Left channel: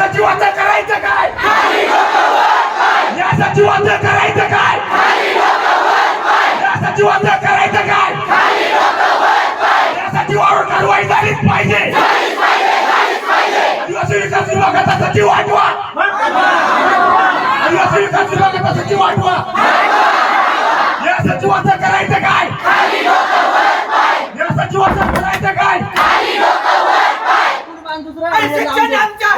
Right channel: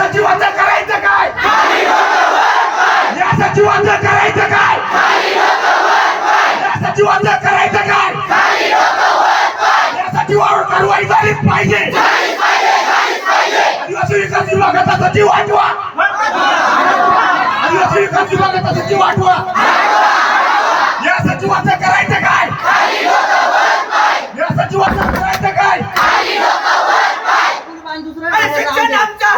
सचिवाचं करायचं काय? या सचिवाचं करायचं काय? या सचिवाचं करायचं काय? या सचिवावर कारवाई झालीच पाहिजे. आदिवासी विकास विभागाचा सचिव हटवा. आदिवासी विकास विभागाचा सचिव हटवा. या सचिवाचं करायचं काय? या सचिवाचं करायचं काय? शिक्षण आमच्या